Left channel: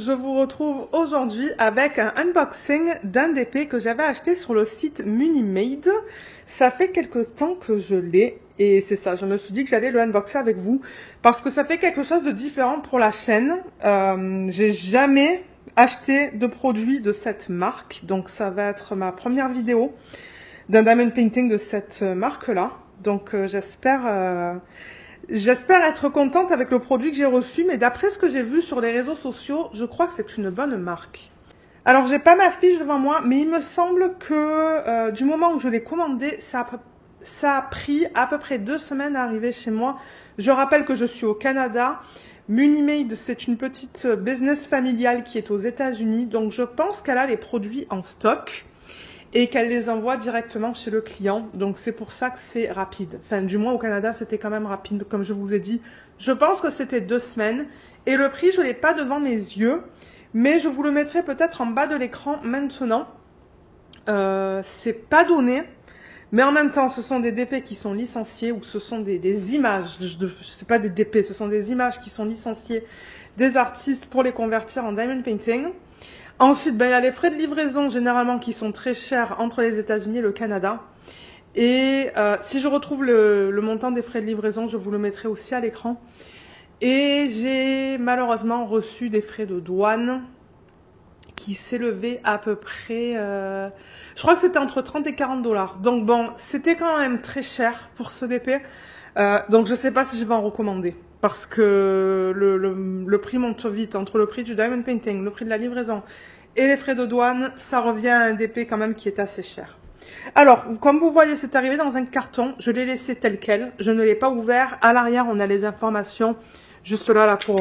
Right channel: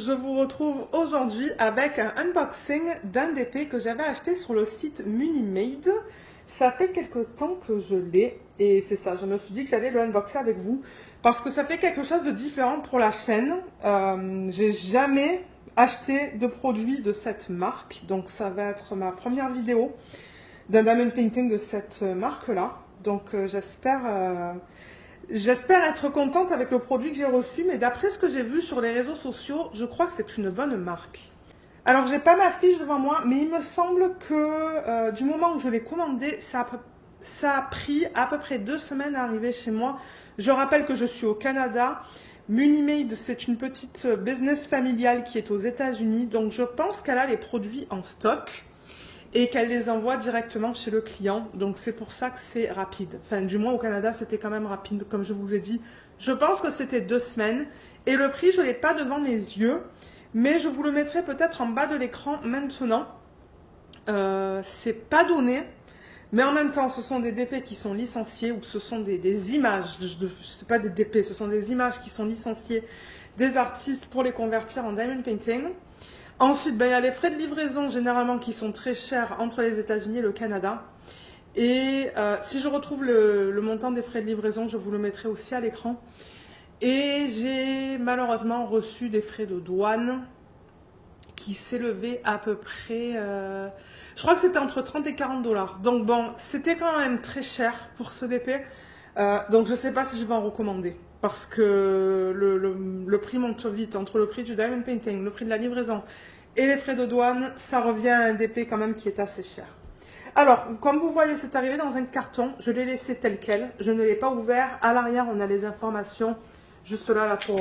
je vous retrouve aujourd'hui avec un unboxing d'un DP que j'avais acheté sur le site Munimade. Ça fait quelques temps que je l'ai et c'est ça, je me suis dit que j'allais le unboxer avec vous parce que ça fait quelque chose de différent pour la chaîne. J'ai jamais acheté de produit de cette marque, donc ça va être ma première vidéo d'un diamond painting de cette marque-là. Donc j'espère être contente avec le produit que j'ai reçu, mais d'après ce que j'ai vu sur les réseaux sociaux, je crois que c'est une bonne marque. Alors, j'ai pas ma fiche devant moi, mais il me semble que du moment où je l'ai commandé, ça a pris à peu près 2 semaines à arriver chez moi. Je rappelle que je suis au Canada. Munimade, c'est une petite business familiale qui est aux États-Unis, donc je pense qu'elle a les produits en stock et qu'elle les envoie directement chez le client. Donc c'est pour ça que c'est rapide. Enfin, du moins au Canada, c'était quand même rapide, comme je vous ai dit. Je pense que c'était 2 semaines. Et le prix, je ne l'ai pas devant mes yeux, mais je vous le mettrai peut-être en bas de l'écran maintenant. C'est pas donné, mais en même temps, ce sont des DP qui sont licenciés, ou ce sont des images, je sais pas des DP, ce sont des images qui sont licenciées des artistes pour les convertir en diamond painting. Ensuite, il y a les frais de livraison généralement qui sont très chers entre les États-Unis et le Canada. Et si je retrouve le montant des frais de livraison, je vous le mettrai aussi à l'écran. Et j'ai malheureusement reçu des frais de douane qui s'élevaient à peu près, je crois que c'était entre 30 et 40 $. Donc bon, c'était quand même très cher pour ce DP. Donc je ne sais pas si je vais en recommander. Parce que le prix monte vite. Entre le prix du diamond painting, le prix de la livraison et les frais de douane, ça revient à un DP quand même qui est assez cher. Alors, comme vous voyez, c'est arrivé dans un carton. Je l'ai laissé tel quel. Je ne l'ai pas ouvert. À l'arrière, on a les informations. Juste là pour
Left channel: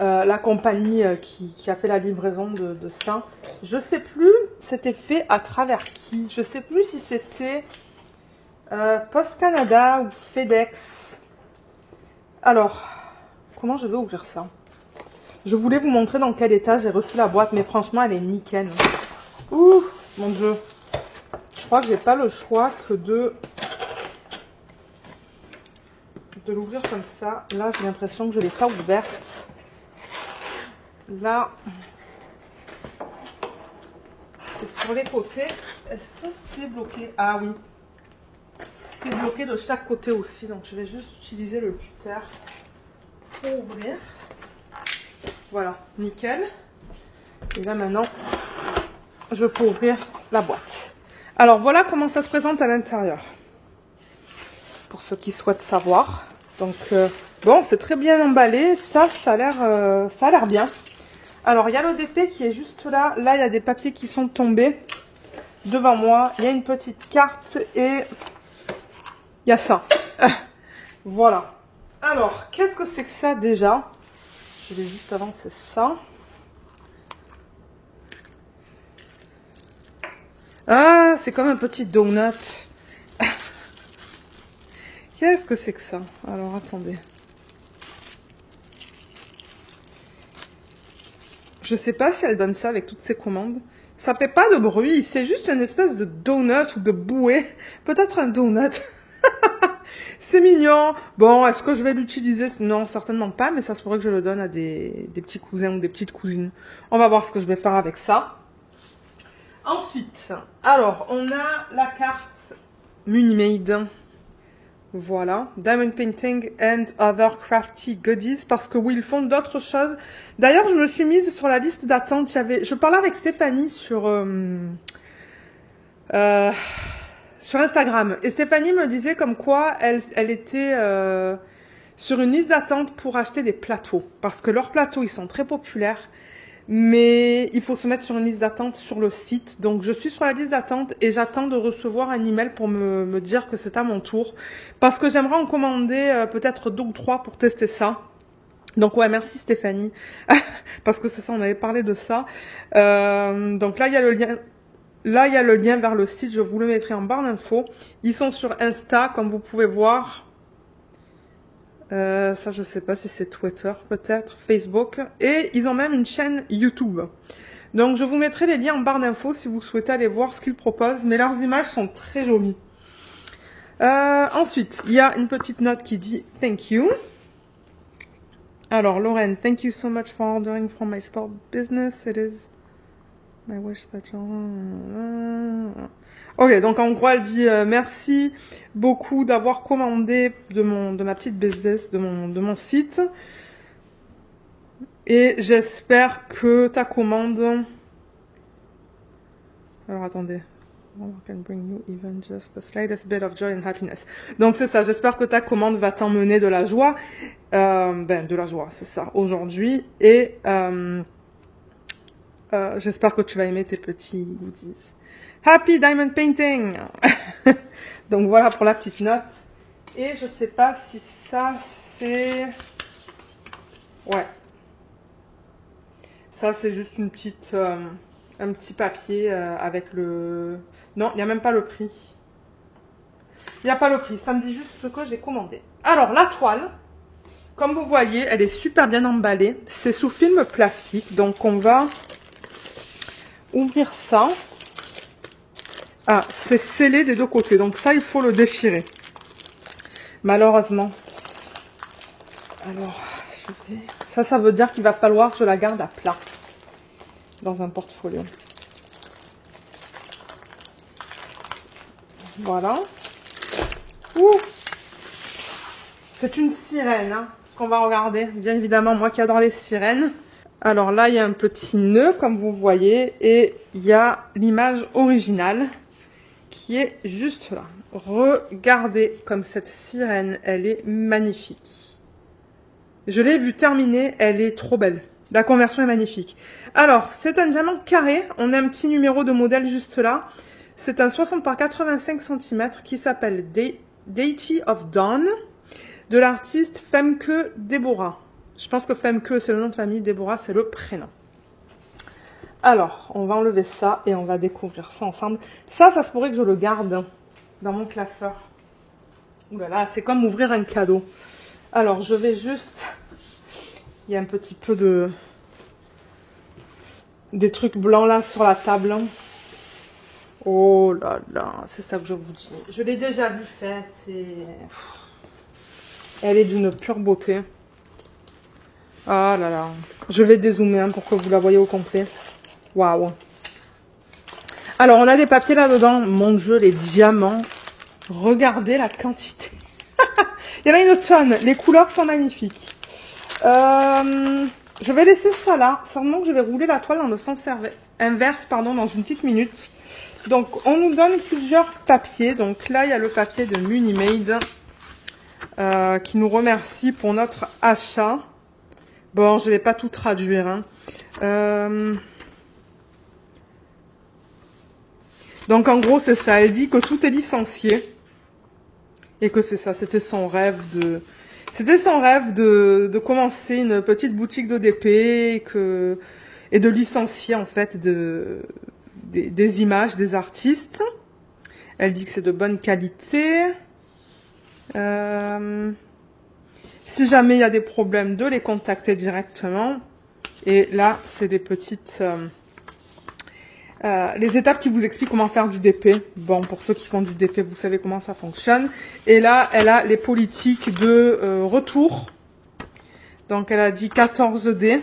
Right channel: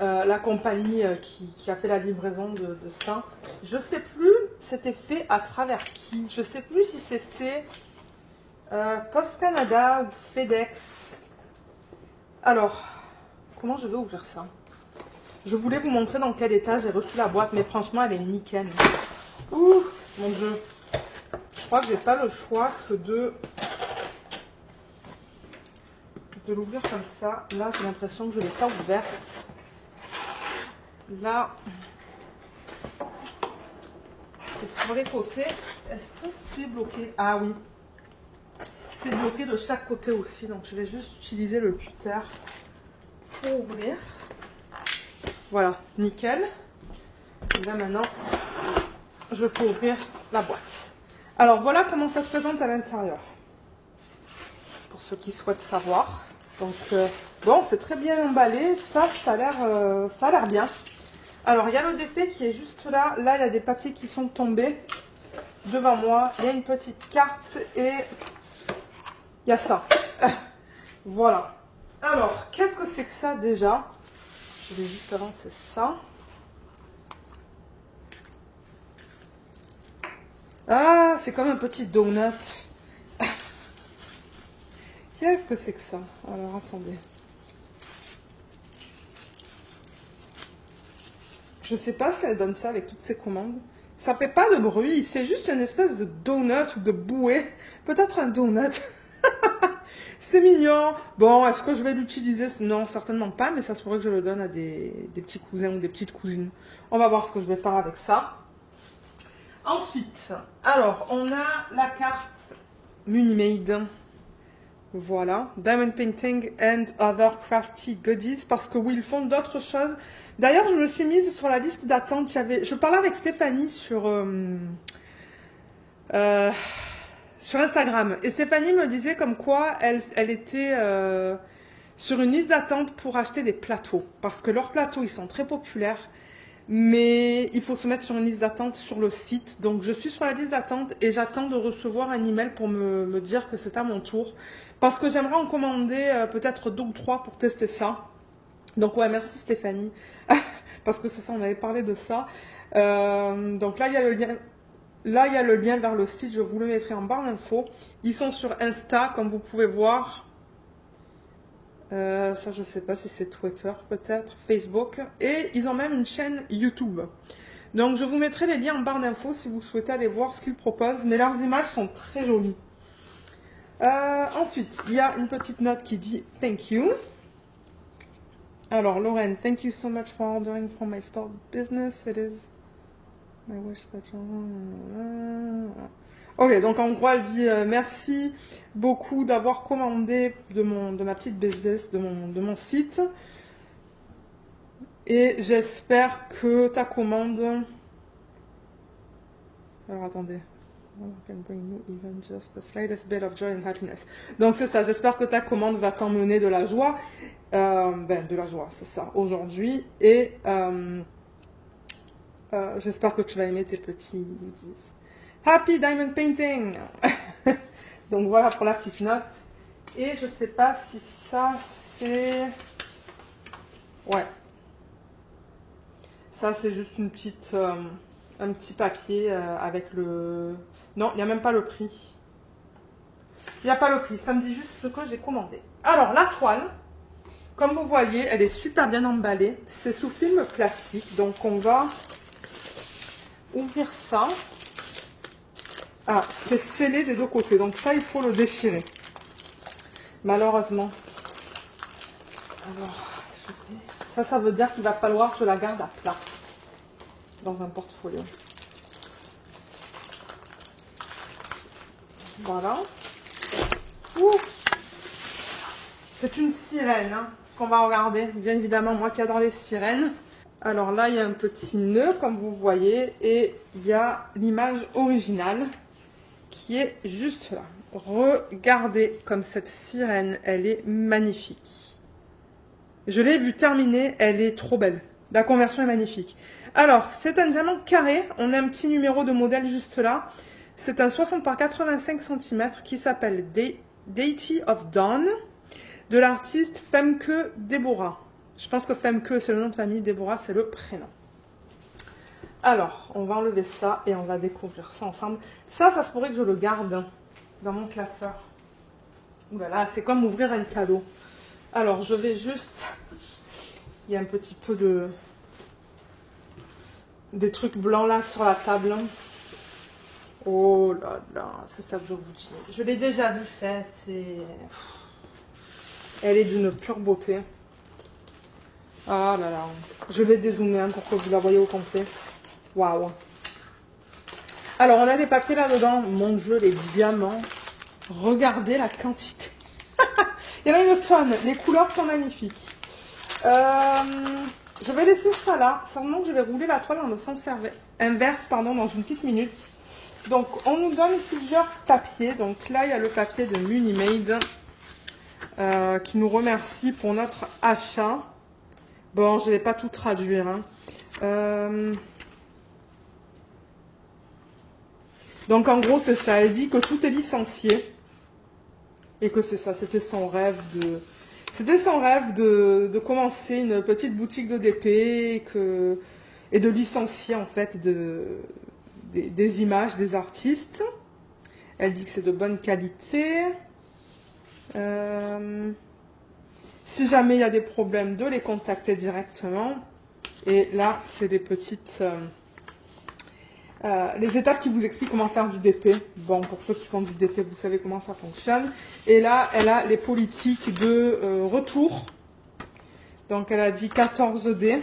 la compagnie qui a fait la livraison de ça. Je ne sais plus, c'était fait à travers qui. Je ne sais plus si c'était Post Canada ou FedEx. Alors, comment je vais ouvrir ça? Je voulais vous montrer dans quel état j'ai reçu la boîte, mais franchement, elle est nickel. Ouh, mon Dieu. Je crois que j'ai pas le choix que de l'ouvrir comme ça. Là, j'ai l'impression que je ne l'ai pas ouverte. Là, et sur les côtés, est-ce que c'est bloqué? Ah oui. C'est bloqué de chaque côté aussi, donc je vais juste utiliser le putter pour ouvrir. Voilà, nickel. Et là maintenant, je peux ouvrir la boîte. Alors voilà comment ça se présente à l'intérieur. Pour ceux qui souhaitent savoir. Donc bon, c'est très bien emballé. Ça a l'air bien. Alors il y a le DP qui est juste là. Là, il y a des papiers qui sont tombés devant moi. Il y a une petite carte et il y a ça. Voilà. Alors, qu'est-ce que c'est que ça déjà? Je vais juste avancer ça. Ah, c'est comme un petit donut. Qu'est-ce que c'est que ça? Alors, attendez. Je sais pas si elle donne ça avec toutes ses commandes. Ça fait pas de bruit, c'est juste une espèce de donut ou de bouée. Peut-être un donut. C'est mignon. Bon, est-ce que je vais l'utiliser? Non, certainement pas, mais ça se pourrait que je le donne à des petits cousins ou des petites cousines. On va voir ce que je vais faire avec ça. Ensuite, alors, on a la carte Munimade. Voilà, Diamond Painting and Other Crafty Goodies, parce que oui, ils font d'autres choses. D'ailleurs, je me suis mise sur la liste d'attente. Je parlais avec Stéphanie sur Instagram. Et Stéphanie me disait comme quoi elle était sur une liste d'attente pour acheter des plateaux. Parce que leurs plateaux, ils sont très populaires. Mais il faut se mettre sur une liste d'attente sur le site. Donc, je suis sur la liste d'attente et j'attends de recevoir un email pour me dire que c'est à mon tour. Parce que j'aimerais en commander peut-être 2 ou 3 pour tester ça. Donc, ouais, merci Stéphanie. Parce que c'est ça, on avait parlé de ça. Donc là, il y a le lien. Là, il y a le lien vers le site. Je vous le mettrai en barre d'infos. Ils sont sur Insta, comme vous pouvez voir. Ça, je sais pas si c'est Twitter, peut-être, Facebook. Et ils ont même une chaîne YouTube. Donc, je vous mettrai les liens en barre d'infos si vous souhaitez aller voir ce qu'ils proposent. Mais leurs images sont très jolies. Ensuite, il y a une petite note qui dit « Thank you ». Alors, Lorraine, thank you so much for ordering from my sport business. It is my wish that you... Ok, donc en gros, elle dit merci beaucoup d'avoir commandé de ma petite business, de mon site. Et j'espère que ta commande... Alors, attendez. Can bring you even just the slightest bit of joy and happiness. Donc c'est ça, j'espère que ta commande va t'emmener de la joie. De la joie, c'est ça, aujourd'hui. Et j'espère que tu vas aimer tes petits goodies. Happy Diamond Painting. Donc voilà pour la petite note. Et je sais pas si ça c'est... Ouais. Ça c'est juste une petite... un petit papier avec le... Non, il n'y a même pas le prix. Il n'y a pas le prix, ça me dit juste ce que j'ai commandé. Alors, la toile, comme vous voyez, elle est super bien emballée. C'est sous film plastique, donc on va ouvrir ça. Ah, c'est scellé des deux côtés, donc ça, il faut le déchirer. Malheureusement. Alors, je vais... Ça veut dire qu'il va falloir que je la garde à plat dans un portfolio. Voilà. C'est une sirène, hein, ce qu'on va regarder. Bien évidemment, moi qui adore les sirènes. Alors là, il y a un petit nœud, comme vous voyez, et il y a l'image originale qui est juste là. Regardez comme cette sirène, elle est magnifique. Je l'ai vue terminée, elle est trop belle. La conversion est magnifique. Alors, c'est un diamant carré. On a un petit numéro de modèle juste là. C'est un 60 par 85 cm qui s'appelle Deity of Dawn de l'artiste Femke Deborah. Je pense que Femke, c'est le nom de famille, Deborah, c'est le prénom. Alors, on va enlever ça et on va découvrir ça ensemble. Ça se pourrait que je le garde dans mon classeur. Voilà, c'est comme ouvrir un cadeau. Alors, je vais juste... Il y a un petit peu de... des trucs blancs là sur la table. Oh là là, c'est ça que je vous dis. Je l'ai déjà vue faite et... Elle est d'une pure beauté. Ah là là. Je vais dézoomer pour que vous la voyez au complet. Waouh. Alors, on a des papiers là-dedans. Mon Dieu, les diamants. Regardez la quantité. Il y en a une tonne. Les couleurs sont magnifiques. Je vais laisser ça là. Seulement que je vais rouler la toile dans le sens inverse, pardon, dans une petite minute. Donc, on nous donne plusieurs papiers. Donc là, il y a le papier de Munimade qui nous remercie pour notre achat. Bon, je ne vais pas tout traduire. Hein. Donc, en gros, c'est ça. Elle dit que tout est licencié. Et que c'est ça. C'était son rêve de... C'était son rêve de commencer une petite boutique d'ODP et de licencier, en fait, des images des artistes. Elle dit que c'est de bonne qualité. Si jamais il y a des problèmes, de les contacter directement. Et là, c'est des petites... les étapes qui vous expliquent comment faire du DP. Bon, pour ceux qui font du DP, vous savez comment ça fonctionne. Et là, elle a les politiques de retour. Donc, elle a dit 14D.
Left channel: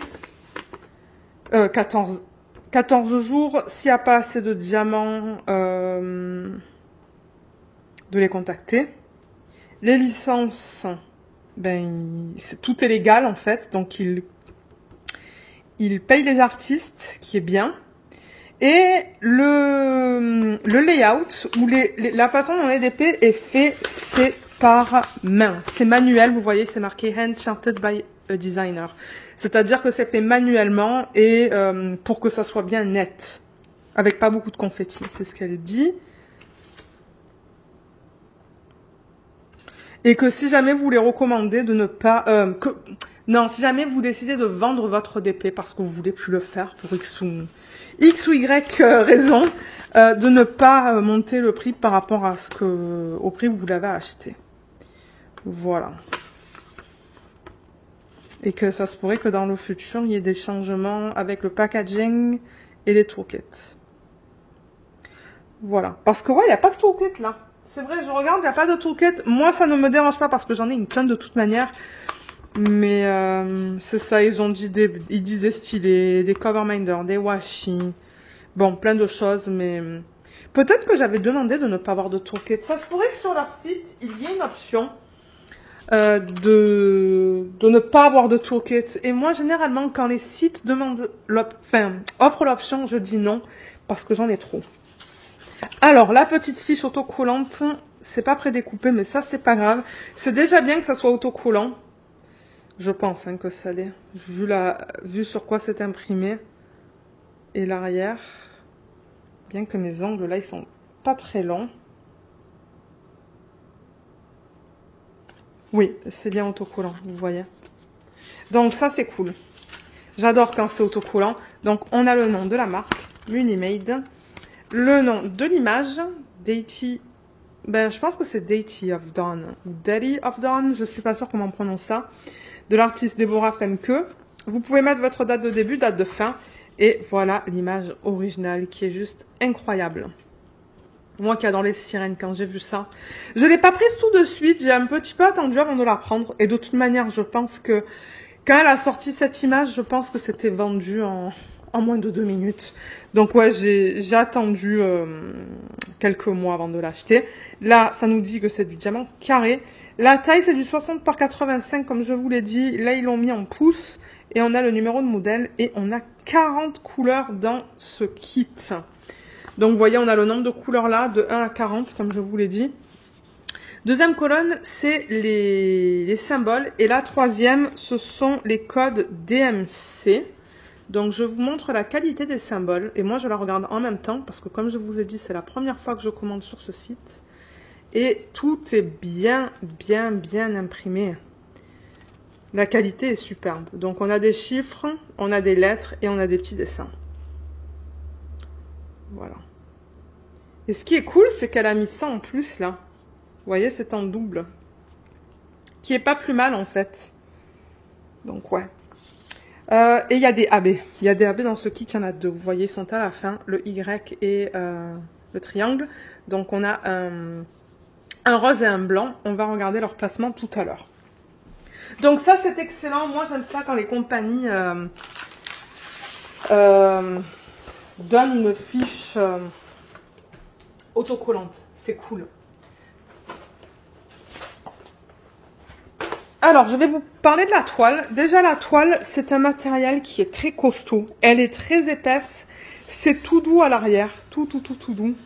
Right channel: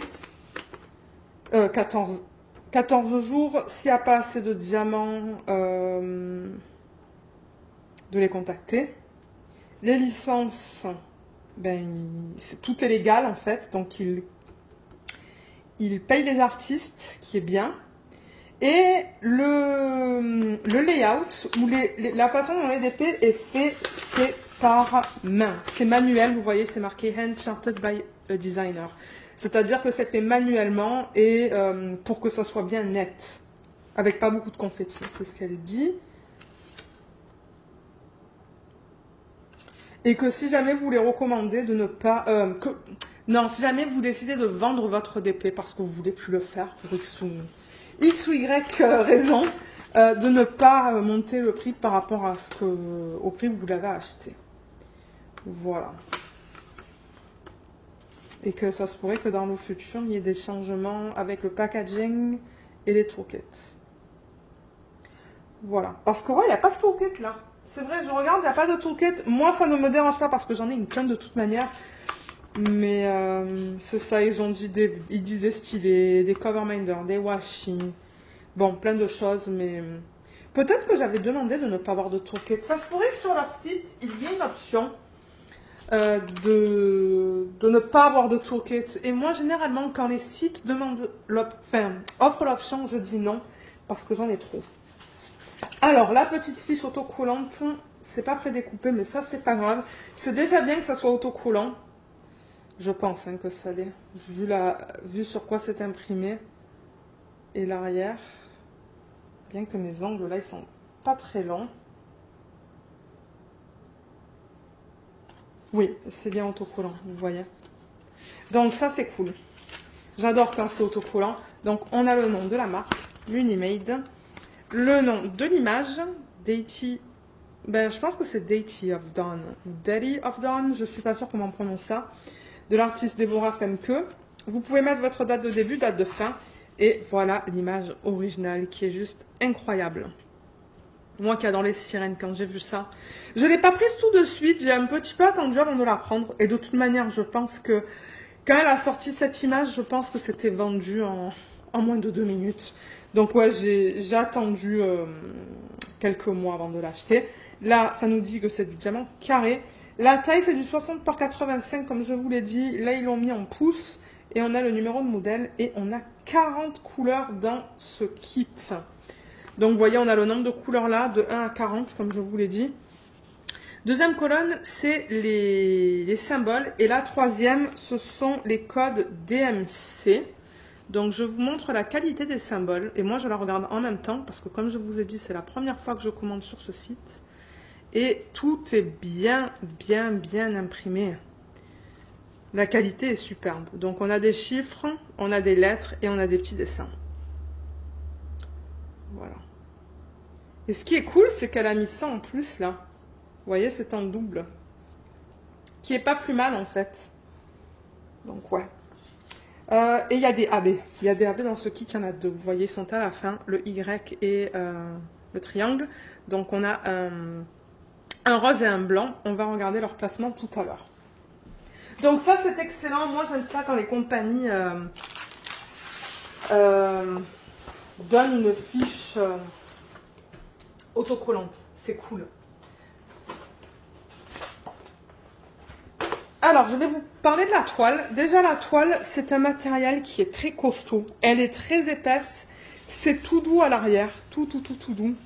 14 jours. S'il n'y a pas assez de diamants, de les contacter. Les licences, ben, tout est légal en fait. Donc, il paye les artistes, qui est bien. Et le layout, ou la façon dont l'EDP est fait, c'est par main. C'est manuel, vous voyez, c'est marqué Hand Charted by a Designer. C'est-à-dire que c'est fait manuellement et pour que ça soit bien net, avec pas beaucoup de confetti. C'est ce qu'elle dit. Et que si jamais vous les recommandez de ne pas... non, si jamais vous décidez de vendre votre DP parce que vous voulez plus le faire pour X ou Y raison, de ne pas monter le prix par rapport à au prix où vous l'avez acheté. Voilà. Et que ça se pourrait que dans le futur, il y ait des changements avec le packaging et les toolkits. Voilà. Parce que ouais, il n'y a pas de toolkit là. C'est vrai, je regarde, il n'y a pas de toolkit. Moi, ça ne me dérange pas parce que j'en ai une tonne de toute manière. Mais c'est ça, ils ont dit ils disaient stylé, des cover minders, des washi. Bon, plein de choses, mais peut-être que j'avais demandé de ne pas avoir de toolkit. Ça se pourrait que sur leur site, il y ait une option de ne pas avoir de toolkit. Et moi, généralement, quand les sites offrent l'option, je dis non, parce que j'en ai trop. Alors, la petite fiche autocollante, c'est pas prédécoupé, mais ça, c'est pas grave. C'est déjà bien que ça soit autocollant. Je pense hein, que ça l'est. Vu sur quoi c'est imprimé. Et l'arrière. Bien que mes ongles, là, ils sont pas très longs. Oui, c'est bien autocollant, vous voyez. Donc, ça, c'est cool. J'adore quand c'est autocollant. Donc, on a le nom de la marque, Munimade. Le nom de l'image, Deity. Ben, je pense que c'est Deity of Dawn. Deity of Dawn, je suis pas sûre comment on prononce ça. De l'artiste Deborah Femke. Vous pouvez mettre votre date de début, date de fin. Et voilà l'image originale qui est juste incroyable. Moi qui adore les sirènes, quand j'ai vu ça. Je ne l'ai pas prise tout de suite, j'ai un petit peu attendu avant de la prendre. Et de toute manière, je pense que quand elle a sorti cette image, je pense que c'était vendu en moins de 2 minutes. Donc ouais, j'ai attendu quelques mois avant de l'acheter. Là, ça nous dit que c'est du diamant carré. La taille, c'est du 60 par 85, comme je vous l'ai dit. Là, ils l'ont mis en pouces. Et on a le numéro de modèle. Et on a 40 couleurs dans ce kit. Donc, vous voyez, on a le nombre de couleurs là, de 1 à 40, comme je vous l'ai dit. Deuxième colonne, c'est les symboles. Et la troisième, ce sont les codes DMC. Donc, je vous montre la qualité des symboles. Et moi, je la regarde en même temps. Parce que, comme je vous ai dit, c'est la première fois que je commande sur ce site. Et tout est bien imprimé. La qualité est superbe. Donc, on a des chiffres, on a des lettres et on a des petits dessins. Voilà. Et ce qui est cool, c'est qu'elle a mis ça en plus, là. Vous voyez, c'est en double. Qui est pas plus mal, en fait. Donc, ouais. Et il y a des AB. Il y a des AB dans ce kit, il y en a deux. Vous voyez, ils sont à la fin. Le Y et le triangle. Donc, on a un rose et un blanc. On va regarder leur placement tout à l'heure. Donc ça, c'est excellent. Moi, j'aime ça quand les compagnies donnent une fiche autocollante. C'est cool. Alors, je vais vous parler de la toile. Déjà, la toile, c'est un matériel qui est très costaud. Elle est très épaisse. C'est tout doux à l'arrière. Tout doux.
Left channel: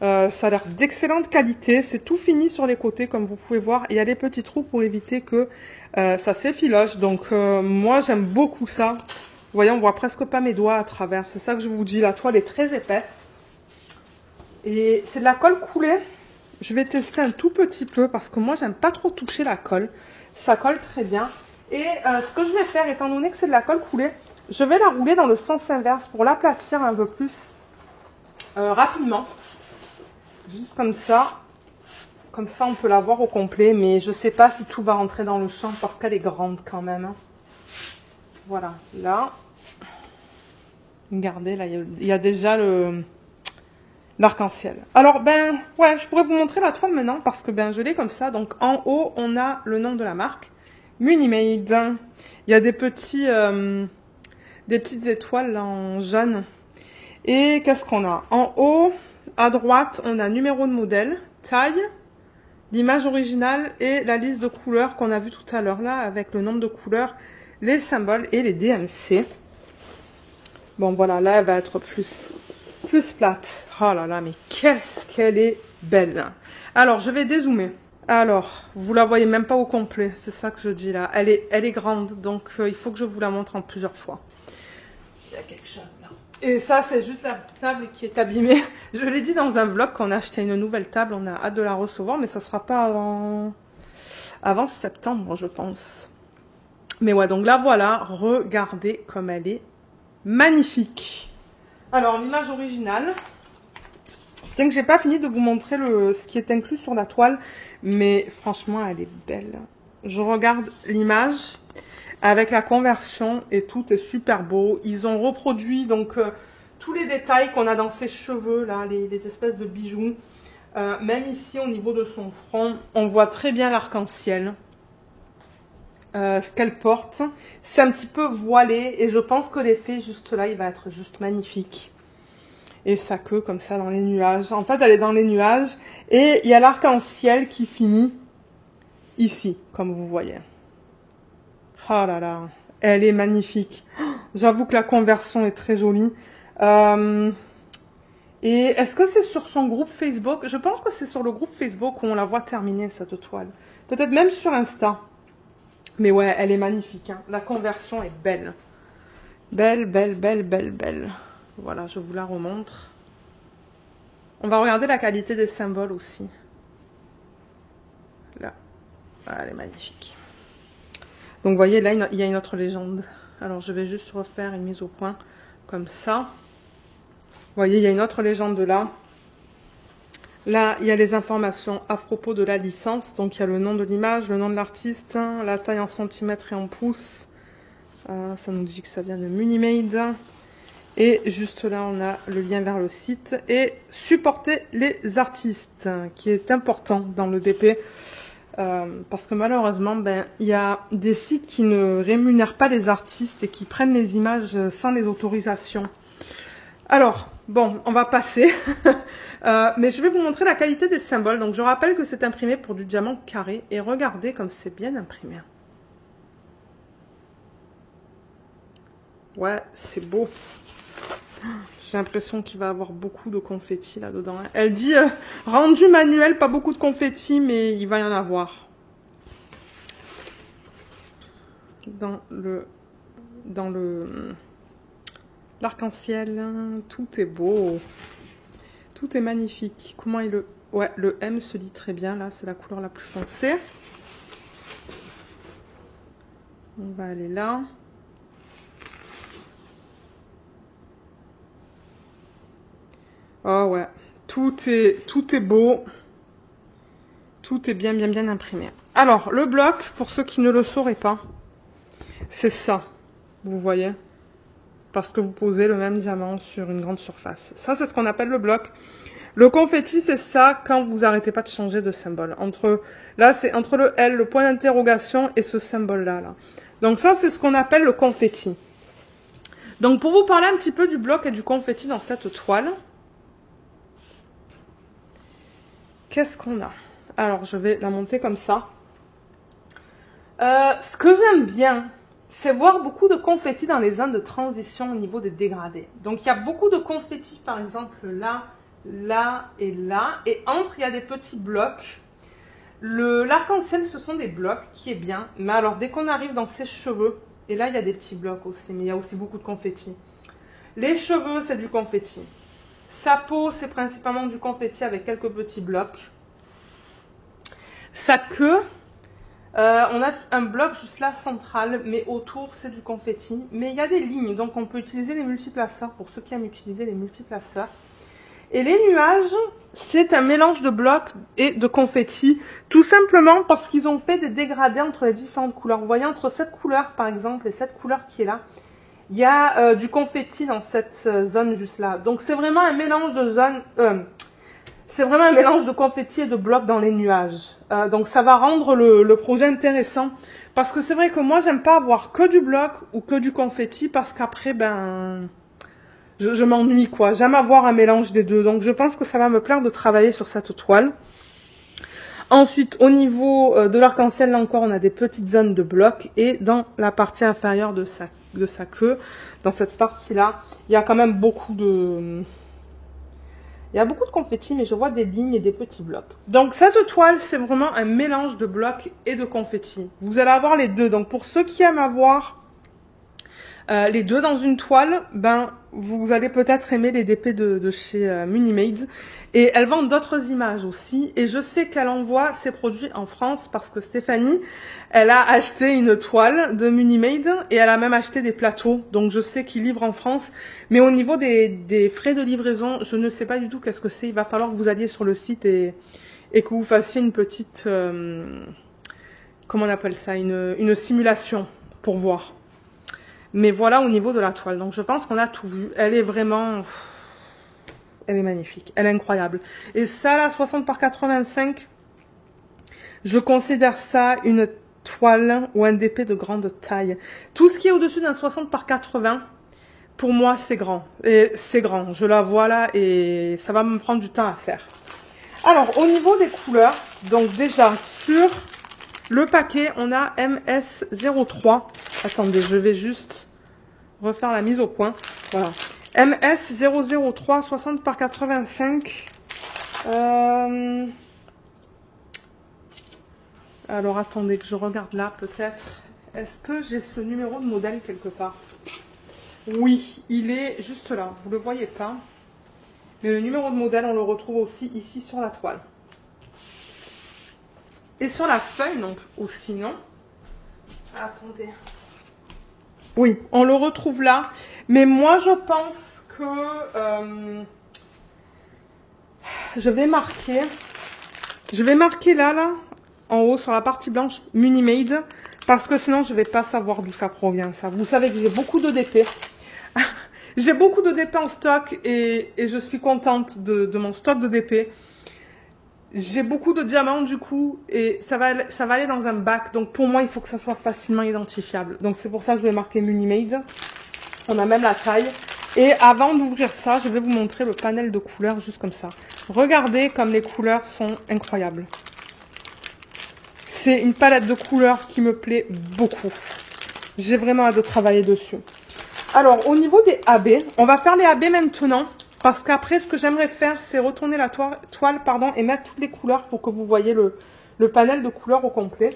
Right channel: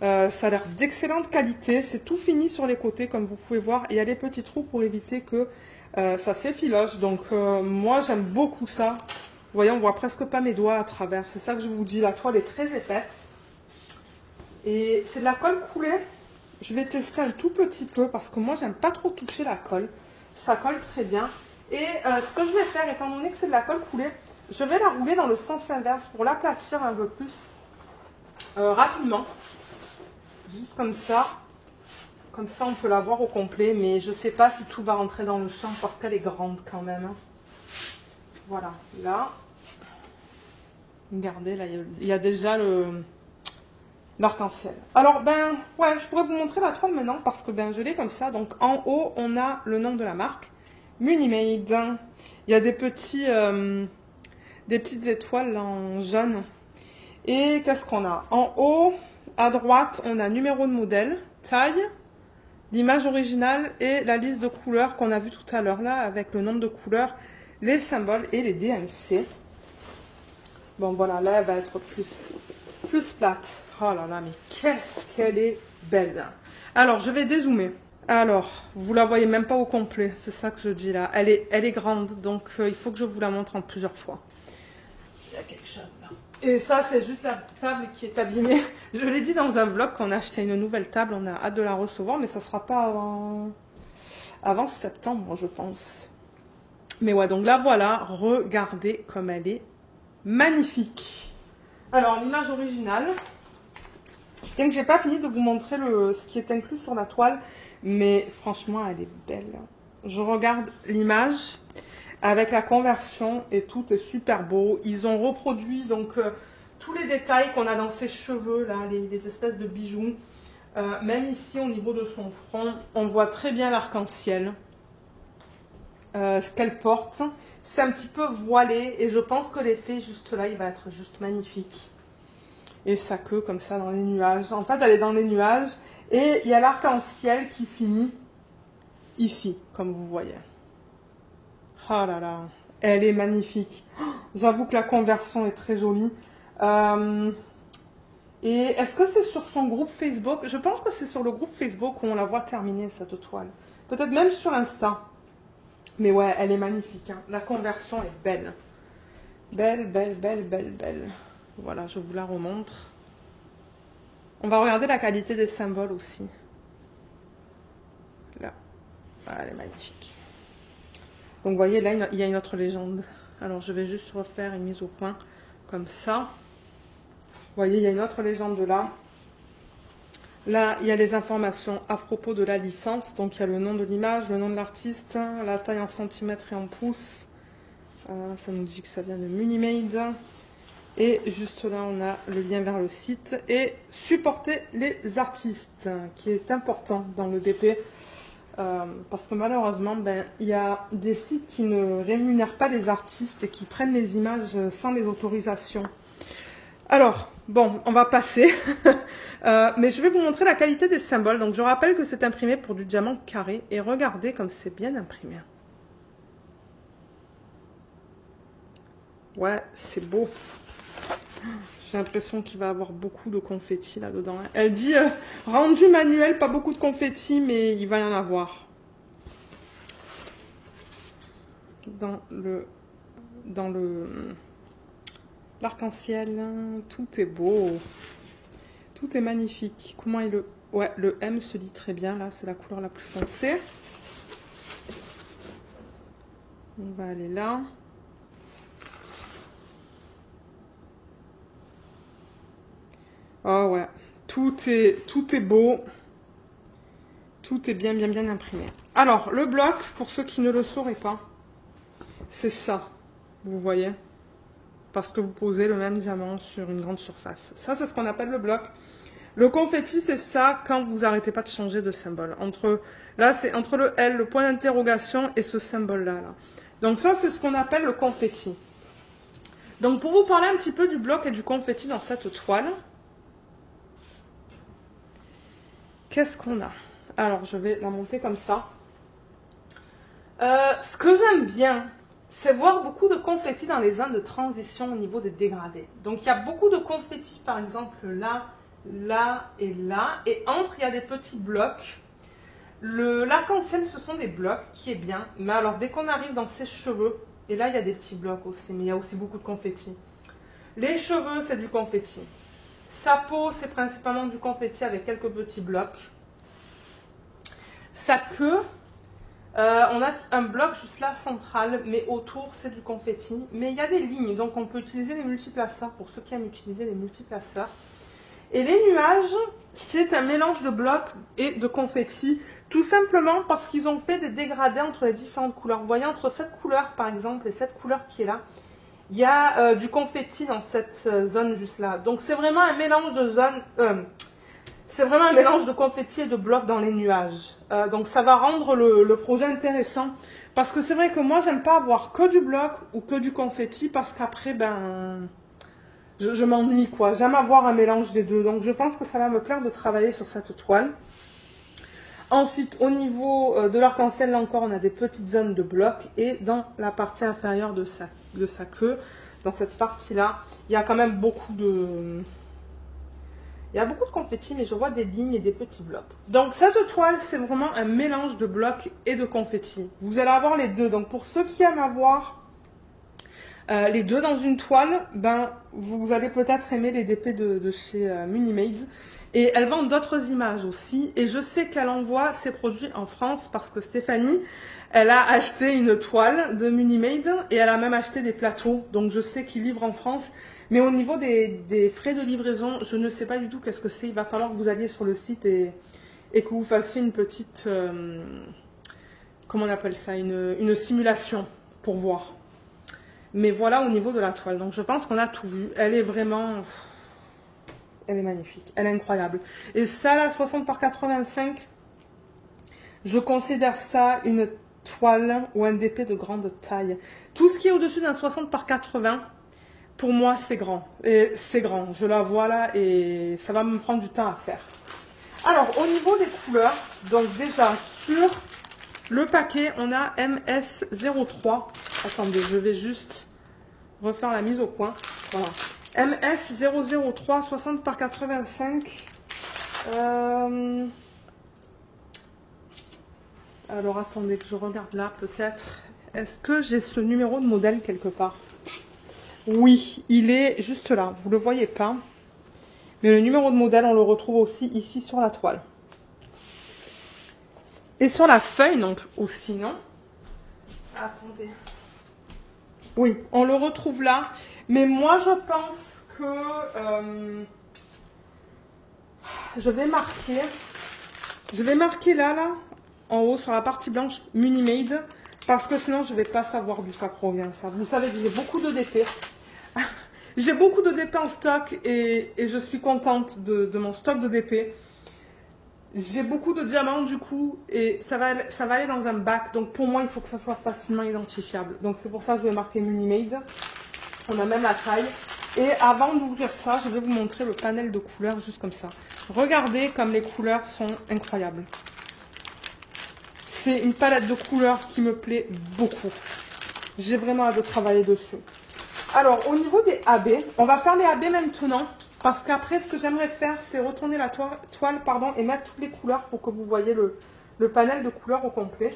Ça a l'air d'excellente qualité. C'est tout fini sur les côtés, comme vous pouvez voir. Il y a des petits trous pour éviter que ça s'effiloche. Donc, moi, j'aime beaucoup ça. Vous voyez, on voit presque pas mes doigts à travers. C'est ça que je vous dis. La toile est très épaisse. Et c'est de la colle coulée. Je vais tester un tout petit peu parce que moi, j'aime pas trop toucher la colle. Ça colle très bien. Et ce que je vais faire, étant donné que c'est de la colle coulée, je vais la rouler dans le sens inverse pour l'aplatir un peu plus rapidement. Juste comme ça. Comme ça, on peut la voir au complet. Mais je ne sais pas si tout va rentrer dans le champ parce qu'elle est grande quand même. Voilà. Là. Regardez, là, il y a déjà l'arc-en-ciel. Alors, ben, ouais, je pourrais vous montrer la toile maintenant parce que, ben, je l'ai comme ça. Donc, en haut, on a le nom de la marque. Munimade. Il y a des petites étoiles là, en jaune. Et qu'est-ce qu'on a? En haut, à droite, on a numéro de modèle, taille, l'image originale et la liste de couleurs qu'on a vu tout à l'heure là, avec le nombre de couleurs, les symboles et les DMC. Bon, voilà, là, elle va être plus plate. Oh là là, mais qu'est-ce qu'elle est belle. Alors, je vais dézoomer. Alors, vous la voyez même pas au complet, c'est ça que je dis là. Elle est grande, donc il faut que je vous la montre en plusieurs fois. Il y a quelque chose là. Et ça, c'est juste la table qui est abîmée. Je l'ai dit dans un vlog qu'on a acheté une nouvelle table, on a hâte de la recevoir, mais ça sera pas avant septembre, je pense. Mais ouais, donc là, voilà, regardez comme elle est magnifique. Alors, l'image originale. Bien que j'ai pas fini de vous montrer ce qui est inclus sur la toile, mais franchement, elle est belle. Je regarde l'image avec la conversion et tout est super beau. Ils ont reproduit donc tous les détails qu'on a dans ses cheveux, là, les espèces de bijoux. Même ici, au niveau de son front, on voit très bien l'arc-en-ciel. ce qu'elle porte. C'est un petit peu voilé et je pense que l'effet juste là, il va être juste magnifique. Et sa queue comme ça dans les nuages. En fait, elle est dans les nuages et il y a l'arc-en-ciel qui finit ici, comme vous voyez. Oh là là, elle est magnifique. J'avoue que la conversion est très jolie. Et est-ce que c'est sur son groupe Facebook? Je pense que c'est sur le groupe Facebook où on la voit terminer cette toile. Peut-être même sur Insta. Mais ouais, elle est magnifique. Hein. La conversion est belle. Belle, belle, belle, belle, belle. Voilà, je vous la remontre. On va regarder la qualité des symboles aussi. Là. Ah, elle est magnifique. Donc, vous voyez, là, il y a une autre légende. Alors, je vais juste refaire une mise au point comme ça. Vous voyez, il y a une autre légende là. Là, il y a les informations à propos de la licence. Donc, il y a le nom de l'image, le nom de l'artiste, la taille en centimètres et en pouces. Ça nous dit que ça vient de Munimade. Et juste là, on a le lien vers le site. Et supporter les artistes, qui est important dans le DP. Parce que malheureusement, il y a des sites qui ne rémunèrent pas les artistes et qui prennent les images sans les autorisations. Alors, bon, on va passer. Mais je vais vous montrer la qualité des symboles. Donc, je rappelle que c'est imprimé pour du diamant carré. Et regardez comme c'est bien imprimé. Ouais, c'est beau. J'ai l'impression qu'il va y avoir beaucoup de confettis là-dedans. Elle dit rendu manuel, pas beaucoup de confettis, mais il va y en avoir. Dans l'arc-en-ciel, tout est beau. Tout est magnifique. Comment il le... Ouais, le M se lit très bien, là, c'est la couleur la plus foncée. On va aller là. Oh ouais, tout est beau. Tout est bien, bien, bien imprimé. Alors, le bloc, pour ceux qui ne le sauraient pas, c'est ça. Vous voyez? Parce que vous posez le même diamant sur une grande surface. Ça, c'est ce qu'on appelle le bloc. Le confetti, c'est ça quand vous n'arrêtez pas de changer de symbole. Là, c'est entre le L, le point d'interrogation et ce symbole-là. Là. Donc ça, c'est ce qu'on appelle le confetti. Donc, pour vous parler un petit peu du bloc et du confetti dans cette toile, qu'est-ce qu'on a? Alors, je vais la monter comme ça. Ce que j'aime bien, c'est voir beaucoup de confettis dans les zones de transition au niveau des dégradés. Donc, il y a beaucoup de confettis, par exemple, là, là et là. Et entre, il y a des petits blocs. L'arc-en-ciel, ce sont des blocs, qui est bien. Mais alors, dès qu'on arrive dans ses cheveux, et là, il y a des petits blocs aussi, mais il y a aussi beaucoup de confettis. Les cheveux, c'est du confetti. Sa peau, c'est principalement du confetti avec quelques petits blocs. Sa queue, on a un bloc juste là central, mais autour c'est du confetti. Mais il y a des lignes, donc on peut utiliser les multiplaceurs pour ceux qui aiment utiliser les multiplaceurs. Et les nuages, c'est un mélange de blocs et de confetti, tout simplement parce qu'ils ont fait des dégradés entre les différentes couleurs. Vous voyez, entre cette couleur par exemple et cette couleur qui est là, il y a du confetti dans cette zone juste là. Donc c'est vraiment un mélange de zones... c'est vraiment un mélange de confetti et de blocs dans les nuages. Donc ça va rendre le projet intéressant. Parce que c'est vrai que moi, j'aime pas avoir que du bloc ou que du confetti. Parce qu'après, je m'ennuie quoi. J'aime avoir un mélange des deux. Donc je pense que ça va me plaire de travailler sur cette toile. Ensuite, au niveau de l'arc-en-ciel, là encore, on a des petites zones de blocs. Et dans la partie inférieure de sa queue, dans cette partie-là, il y a quand même beaucoup de... Il y a beaucoup de confettis, mais je vois des lignes et des petits blocs. Donc, cette toile, c'est vraiment un mélange de blocs et de confettis. Vous allez avoir les deux. Donc, pour ceux qui aiment avoir les deux dans une toile, vous allez peut-être aimer les DP de chez Munimade. Et elle vend d'autres images aussi. Et je sais qu'elle envoie ses produits en France parce que Stéphanie, elle a acheté une toile de Munimade et elle a même acheté des plateaux. Donc, je sais qu'ils livrent en France. Mais au niveau des frais de livraison, je ne sais pas du tout qu'est-ce que c'est. Il va falloir que vous alliez sur le site et que vous fassiez une petite... comment on appelle ça? Une simulation pour voir. Mais voilà au niveau de la toile. Donc je pense qu'on a tout vu. Elle est vraiment... Elle est magnifique. Elle est incroyable. Et ça, là, 60 par 85, je considère ça une toile ou un DP de grande taille. Tout ce qui est au-dessus d'un 60 par 80, pour moi, c'est grand. Et c'est grand, je la vois là et ça va me prendre du temps à faire. Alors, au niveau des couleurs, donc déjà, sur le paquet, on a MS03. Attendez, je vais juste refaire la mise au point. Voilà. MS003, 60 par 85. Alors, attendez que je regarde là, peut-être. Est-ce que j'ai ce numéro de modèle quelque part? Oui, il est juste là. Vous ne le voyez pas. Mais le numéro de modèle, on le retrouve aussi ici sur la toile. Et sur la feuille, donc, aussi, non? Attendez. Oui, on le retrouve là. Mais moi, je pense que je vais marquer là, en haut, sur la partie blanche, Munimade. Parce que sinon, je ne vais pas savoir d'où ça provient, ça. Vous savez que j'ai beaucoup de DP. J'ai beaucoup de DP en stock et je suis contente de mon stock de DP. J'ai beaucoup de diamants du coup et ça va aller dans un bac. Donc pour moi, il faut que ça soit facilement identifiable. Donc c'est pour ça que je vais marquer Munimade. On a même la taille. Et avant d'ouvrir ça, je vais vous montrer le panel de couleurs juste comme ça. Regardez comme les couleurs sont incroyables. C'est une palette de couleurs qui me plaît beaucoup. J'ai vraiment hâte de travailler dessus. Alors, au niveau des AB, on va faire les AB maintenant. Parce qu'après, ce que j'aimerais faire, c'est retourner la toile et mettre toutes les couleurs pour que vous voyez le panel de couleurs au complet.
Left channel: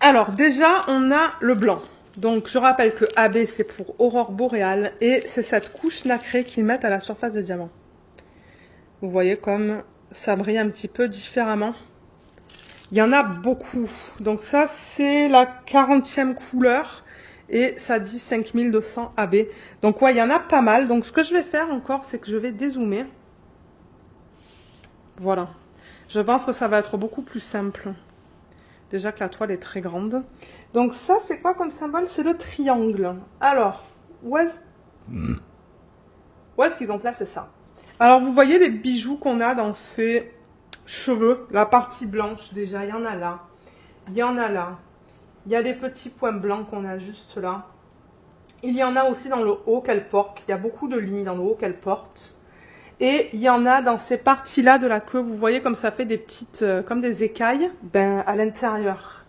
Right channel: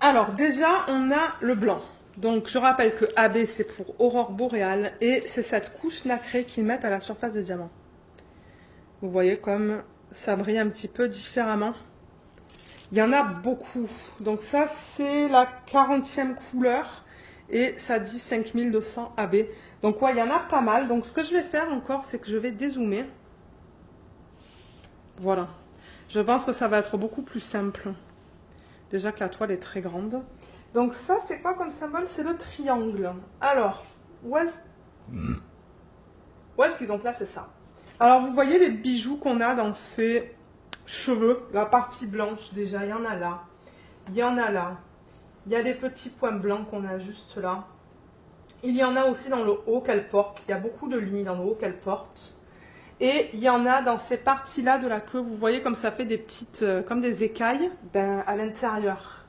Alors, déjà, on a le blanc. Donc, je rappelle que AB, c'est pour Aurore Boréale. Et c'est cette couche nacrée qu'ils mettent à la surface des diamants. Vous voyez comme ça brille un petit peu différemment. Il y en a beaucoup. Donc, ça, c'est la 40e couleur. Et ça dit 5200 AB. Donc, ouais, il y en a pas mal. Donc, ce que je vais faire encore, c'est que je vais dézoomer. Voilà. Je pense que ça va être beaucoup plus simple. Déjà que la toile est très grande. Donc, ça, c'est quoi comme symbole? C'est le triangle. Alors, où est-ce qu'ils ont placé ça? Alors, vous voyez les bijoux qu'on a dans ces cheveux. La partie blanche, déjà, il y en a là. Il y en a là. Il y a des petits points blancs qu'on a juste là. Il y en a aussi dans le haut qu'elle porte. Il y a beaucoup de lignes dans le haut qu'elle porte. Et il y en a dans ces parties-là de la queue. Vous voyez comme ça fait des petites, comme des écailles. Ben, à l'intérieur,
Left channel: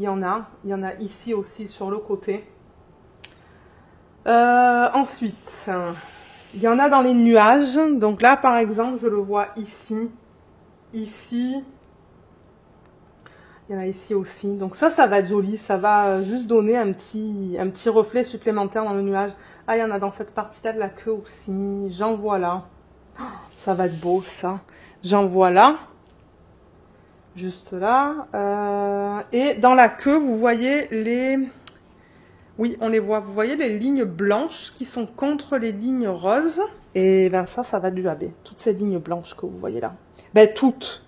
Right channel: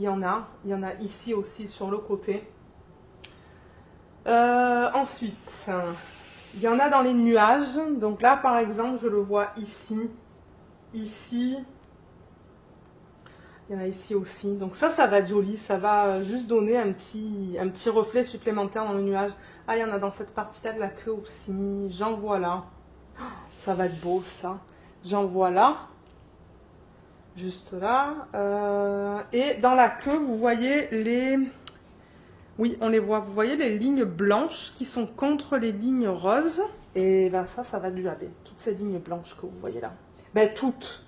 il y en a. Il y en a ici aussi sur le côté. Ensuite, il y en a dans les nuages. Donc là, par exemple, je le vois ici. Ici. Il y en a ici aussi. Donc ça va être joli. Ça va juste donner un petit reflet supplémentaire dans le nuage. Ah, il y en a dans cette partie-là de la queue aussi. J'en vois là. Ça va être beau, ça. J'en vois là. Juste là. Et dans la queue, vous voyez les... Oui, on les voit. Vous voyez les lignes blanches qui sont contre les lignes roses. Et ben ça va être du AB. Toutes ces lignes blanches que vous voyez là. Ben toutes.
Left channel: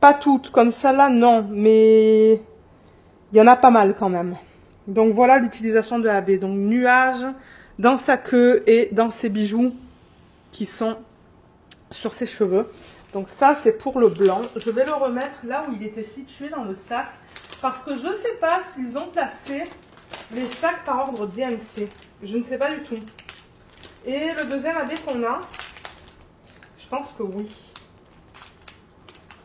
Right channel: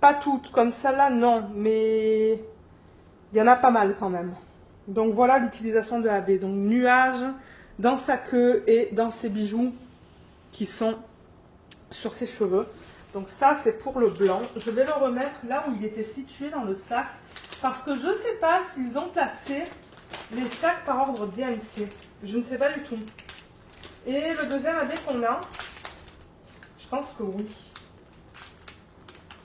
Pas toutes, comme ça là, non, mais il y en a pas mal quand même. Donc voilà l'utilisation de AB. Donc nuage dans sa queue et dans ses bijoux qui sont sur ses cheveux. Donc ça c'est pour le blanc. Je vais le remettre là où il était situé dans le sac. Parce que je ne sais pas s'ils ont placé les sacs par ordre DMC. Je ne sais pas du tout. Et le deuxième AB qu'on a, je pense que oui.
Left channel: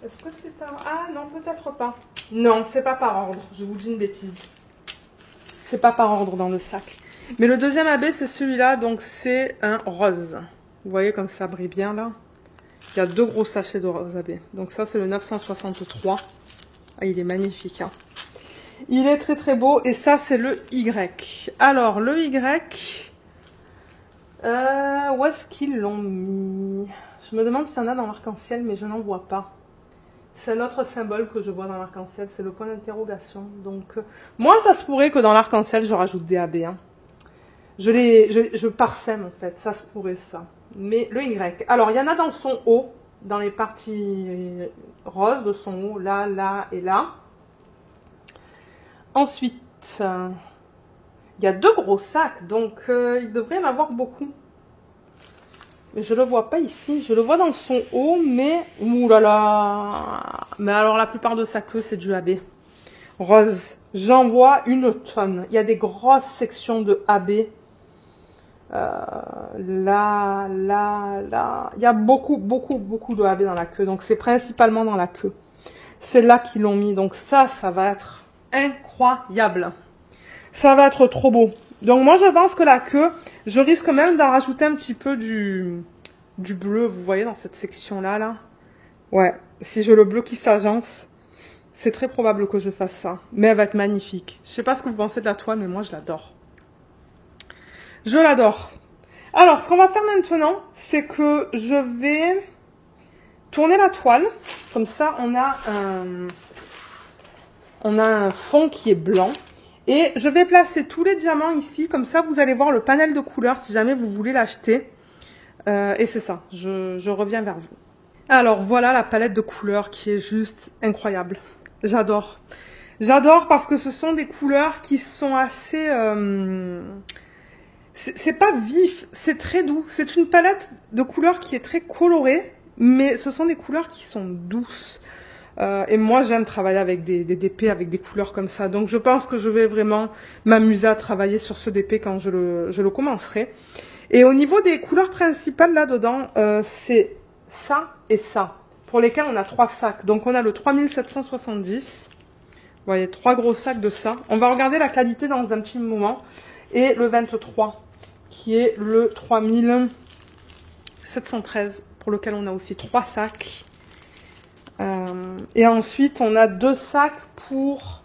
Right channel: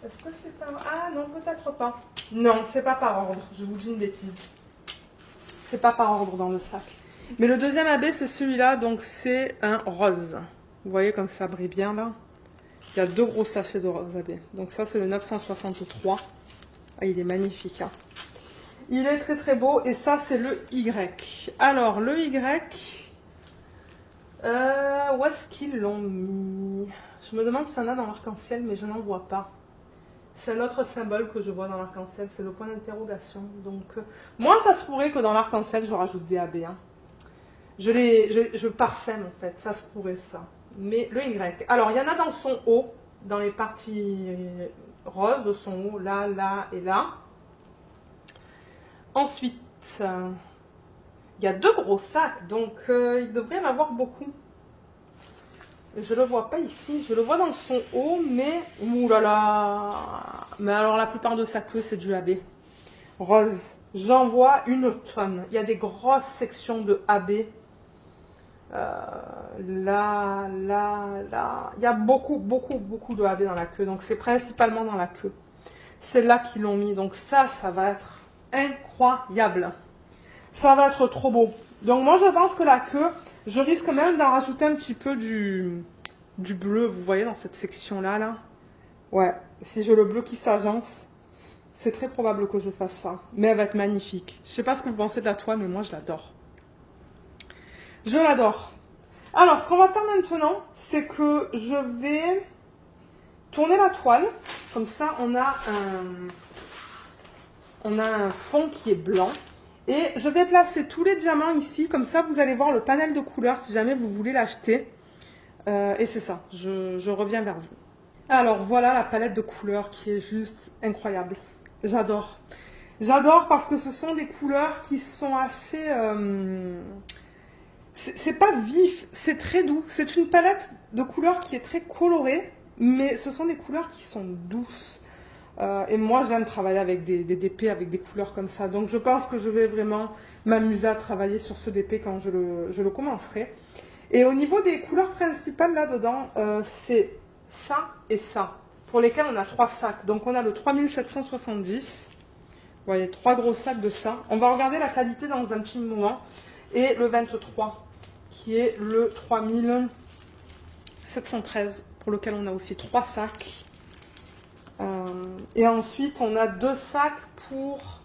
Est-ce que c'est par... Ah non, peut-être pas. Non, c'est pas par ordre. Je vous dis une bêtise. C'est pas par ordre dans le sac. Mais le deuxième AB, c'est celui-là. Donc, c'est un rose. Vous voyez comme ça brille bien, là. Il y a 2 gros sachets de rose AB. Donc, ça, c'est le 963. Ah, il est magnifique. Hein. Il est très, très beau. Et ça, c'est le Y. Alors, le Y... où est-ce qu'ils l'ont mis? Je me demande s'il y en a dans l'arc-en-ciel, mais je n'en vois pas. C'est un autre symbole que je vois dans l'arc-en-ciel, c'est le point d'interrogation. Donc, moi, ça se pourrait que dans l'arc-en-ciel, je rajoute des AB. Hein. Je parsème, en fait. Ça se pourrait, ça. Mais le Y. Alors, il y en a dans son haut, dans les parties roses de son haut, là, là et là. Ensuite, il y a 2 gros sacs, donc il devrait y en avoir beaucoup. Mais je ne le vois pas ici. Je le vois dans son haut, mais... Ouh là là. Mais alors, la plupart de sa queue, c'est du AB. rose. J'en vois une tonne. Il y a des grosses sections de AB. Là. Il y a beaucoup de AB dans la queue. Donc, c'est principalement dans la queue. C'est là qu'ils l'ont mis. Donc, ça va être incroyable. Ça va être trop beau. Donc, moi, je pense que la queue, je risque même d'en rajouter un petit peu du bleu. Vous voyez, dans cette section-là, là. Ouais, si j'ai le bleu qui s'agence, c'est très probable que je fasse ça. Mais elle va être magnifique. Je sais pas ce que vous pensez de la toile, mais moi, je l'adore. Je l'adore. Alors, ce qu'on va faire maintenant, c'est que je vais tourner la toile. Comme ça, on a un fond qui est blanc. Et je vais placer tous les diamants ici. Comme ça, vous allez voir le panel de couleurs si jamais vous voulez l'acheter. Et c'est ça, je reviens vers vous. Alors, voilà la palette de couleurs qui est juste incroyable. J'adore. J'adore parce que ce sont des couleurs qui sont assez... c'est pas vif, c'est très doux. C'est une palette de couleurs qui est très colorée, mais ce sont des couleurs qui sont douces. Et moi, j'aime travailler avec des DP, avec des couleurs comme ça. Donc, je pense que je vais vraiment m'amuser à travailler sur ce DP quand je le commencerai. Et au niveau des couleurs principales, là-dedans, c'est ça et ça, pour lesquels on a 3 sacs. Donc, on a le 3770. Vous voyez, 3 gros sacs de ça. On va regarder la qualité dans un petit moment. Et le 23, qui est le 3713, pour lequel on a aussi 3 sacs. Et ensuite, on a 2 sacs pour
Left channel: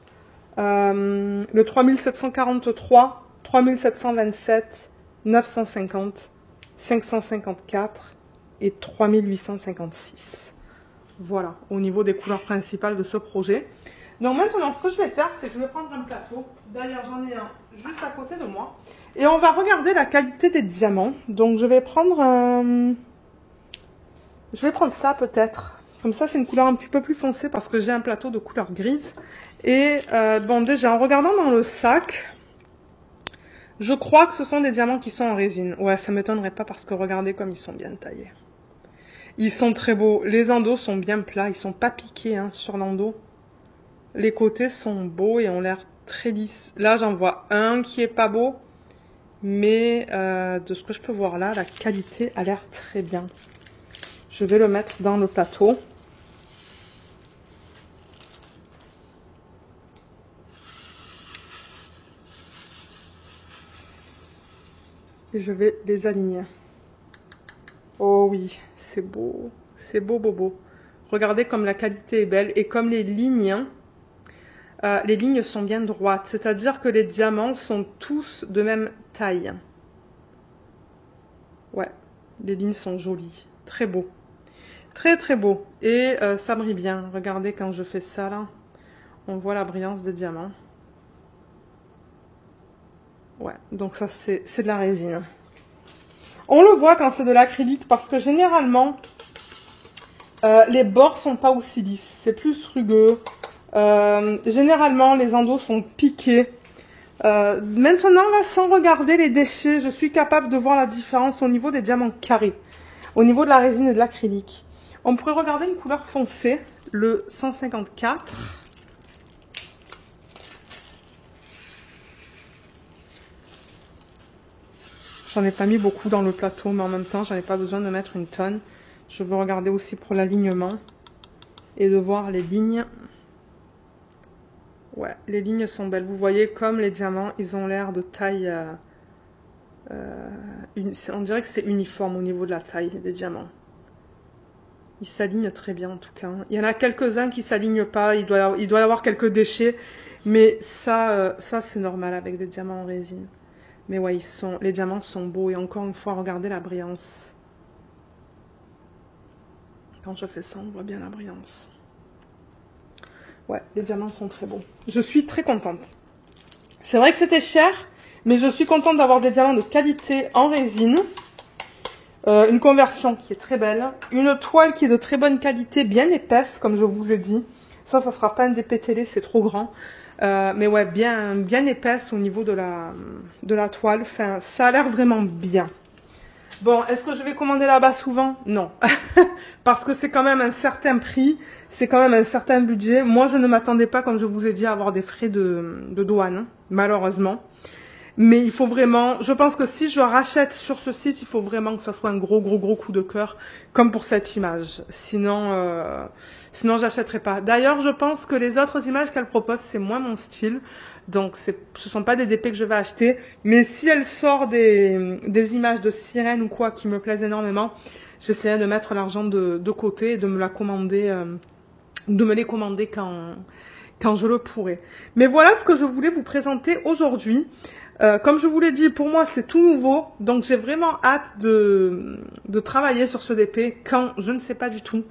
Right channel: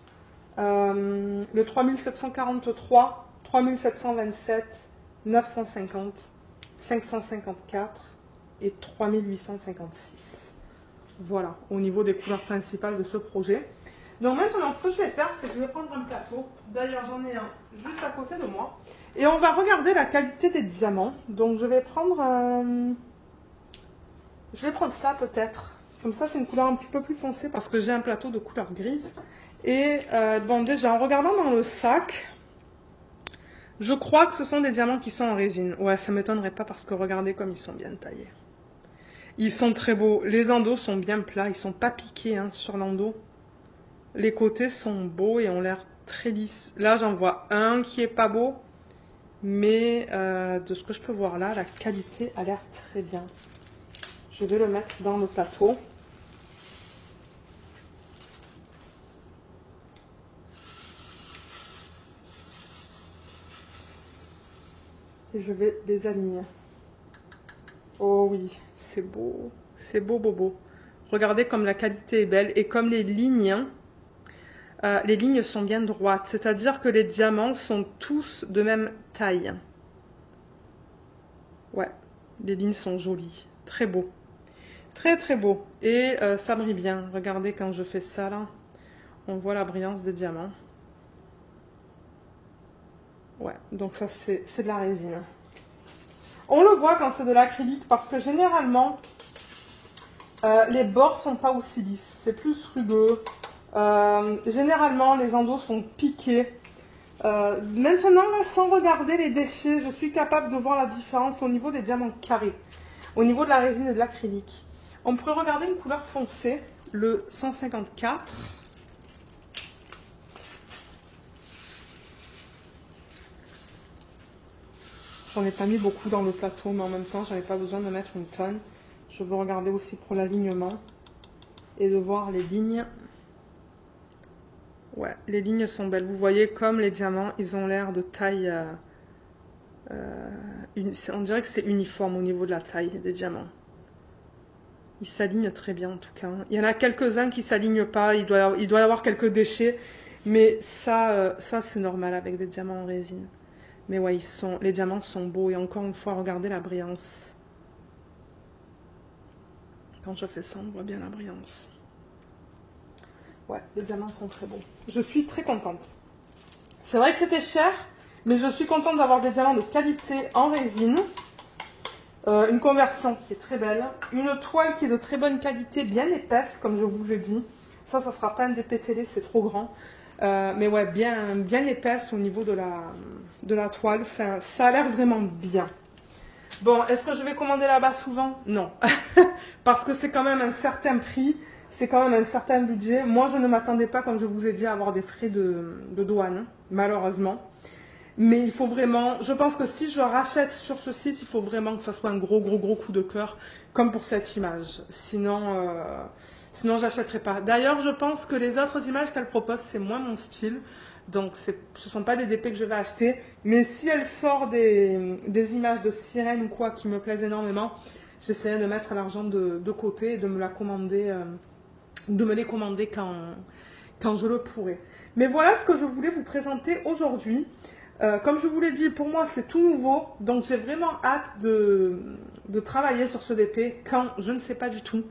le 3743, 3727, 950, 554 et 3856. Voilà, au niveau des couleurs principales de ce projet. Donc maintenant, ce que je vais faire, c'est que je vais prendre un plateau. D'ailleurs, j'en ai un juste à côté de moi. Et on va regarder la qualité des diamants. Donc je vais prendre ça peut-être. Comme ça, c'est une couleur un petit peu plus foncée parce que j'ai un plateau de couleur grise. Et bon, déjà, en regardant dans le sac, je crois que ce sont des diamants qui sont en résine. Ouais, ça ne m'étonnerait pas parce que regardez comme ils sont bien taillés. Ils sont très beaux. Les endos sont bien plats. Ils ne sont pas piqués hein, sur l'endo. Les côtés sont beaux et ont l'air très lisses. Là, j'en vois un qui est pas beau. Mais de ce que je peux voir là, la qualité a l'air très bien. Je vais le mettre dans le plateau. Et je vais les aligner. Oh oui, c'est beau. C'est beau, beau, beau. Regardez comme la qualité est belle. Et comme les lignes sont bien droites. C'est-à-dire que les diamants sont tous de même taille. Ouais, les lignes sont jolies. Très beau. Très, très beau. Et ça brille bien. Regardez quand je fais ça, là. On voit la brillance des diamants. Ouais, donc ça, c'est de la résine. On le voit quand c'est de l'acrylique parce que généralement, les bords sont pas aussi lisses. C'est plus rugueux. Généralement, les endos sont piqués. Maintenant, là, sans regarder les déchets, je suis capable de voir la différence au niveau des diamants carrés. Au niveau de la résine et de l'acrylique. On pourrait regarder une couleur foncée, le 154. J'en ai pas mis beaucoup dans le plateau, mais en même temps, j'avais pas besoin de mettre une tonne. Je veux regarder aussi pour l'alignement et de voir les lignes. Ouais, les lignes sont belles. Vous voyez comme les diamants, ils ont l'air de taille... on dirait que c'est uniforme au niveau de la taille des diamants. Ils s'alignent très bien en tout cas. Il y en a quelques-uns qui ne s'alignent pas. Il doit y avoir quelques déchets. Mais ça c'est normal avec des diamants en résine. Mais ouais, les diamants sont beaux. Et encore une fois, regardez la brillance. Quand je fais ça, on voit bien la brillance. Ouais, les diamants sont très beaux. Je suis très contente. C'est vrai que c'était cher, mais je suis contente d'avoir des diamants de qualité en résine. Une conversion qui est très belle. Une toile qui est de très bonne qualité, bien épaisse, comme je vous ai dit. Ça ne sera pas un DP télé, c'est trop grand. Mais ouais, bien épaisse au niveau de la toile. Enfin, ça a l'air vraiment bien. Bon, est-ce que je vais commander là-bas souvent? Non. Parce que c'est quand même un certain prix. c'est quand même un certain budget. Moi, je ne m'attendais pas, comme je vous ai dit, à avoir des frais de douane, malheureusement. Mais il faut vraiment, je pense que si je rachète sur ce site, il faut vraiment que ça soit un gros coup de cœur, comme pour cette image. Sinon j'achèterai pas. D'ailleurs, je pense que les autres images qu'elle propose, c'est moins mon style. Donc, ce sont pas des DP que je vais acheter. Mais si elle sort des images de sirène ou quoi qui me plaisent énormément, j'essaierai de mettre l'argent de côté et de me la commander, de me les commander quand je le pourrai. Mais voilà ce que je voulais vous présenter aujourd'hui. Comme je vous l'ai dit, pour moi, c'est tout nouveau. Donc, j'ai vraiment hâte de travailler sur ce DP quand je ne sais pas du tout.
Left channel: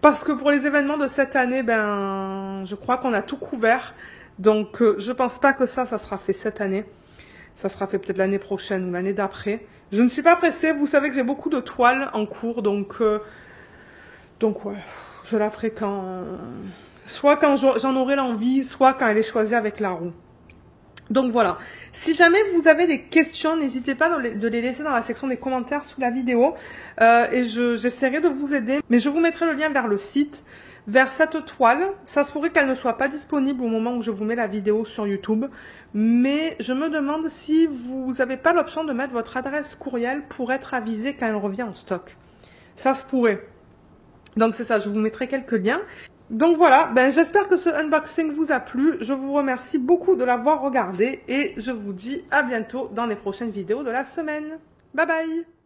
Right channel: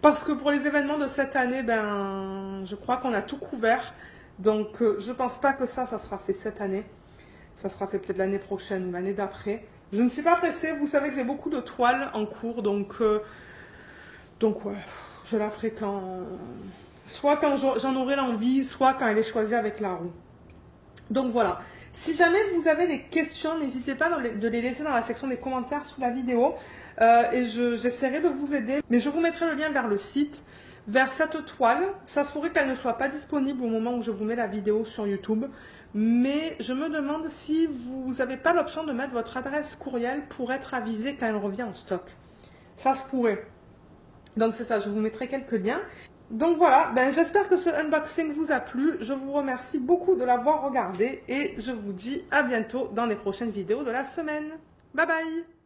Parce que pour les événements de cette année, ben, je crois qu'on a tout couvert. Donc, je pense pas que ça sera fait cette année. Ça sera fait peut-être l'année prochaine ou l'année d'après. Je ne suis pas pressée. Vous savez que j'ai beaucoup de toiles en cours. Donc ouais, je la ferai soit quand j'en aurai l'envie, soit quand elle est choisie avec la roue. Donc voilà, si jamais vous avez des questions, n'hésitez pas de les laisser dans la section des commentaires sous la vidéo et j'essaierai de vous aider. Mais je vous mettrai le lien vers le site, vers cette toile. Ça se pourrait qu'elle ne soit pas disponible au moment où je vous mets la vidéo sur YouTube. Mais je me demande si vous n'avez pas l'option de mettre votre adresse courriel pour être avisé quand elle revient en stock. Ça se pourrait. Donc c'est ça, je vous mettrai quelques liens. Donc voilà, ben, j'espère que ce unboxing vous a plu. Je vous remercie beaucoup de l'avoir regardé et je vous dis à bientôt dans les prochaines vidéos de la semaine. Bye bye!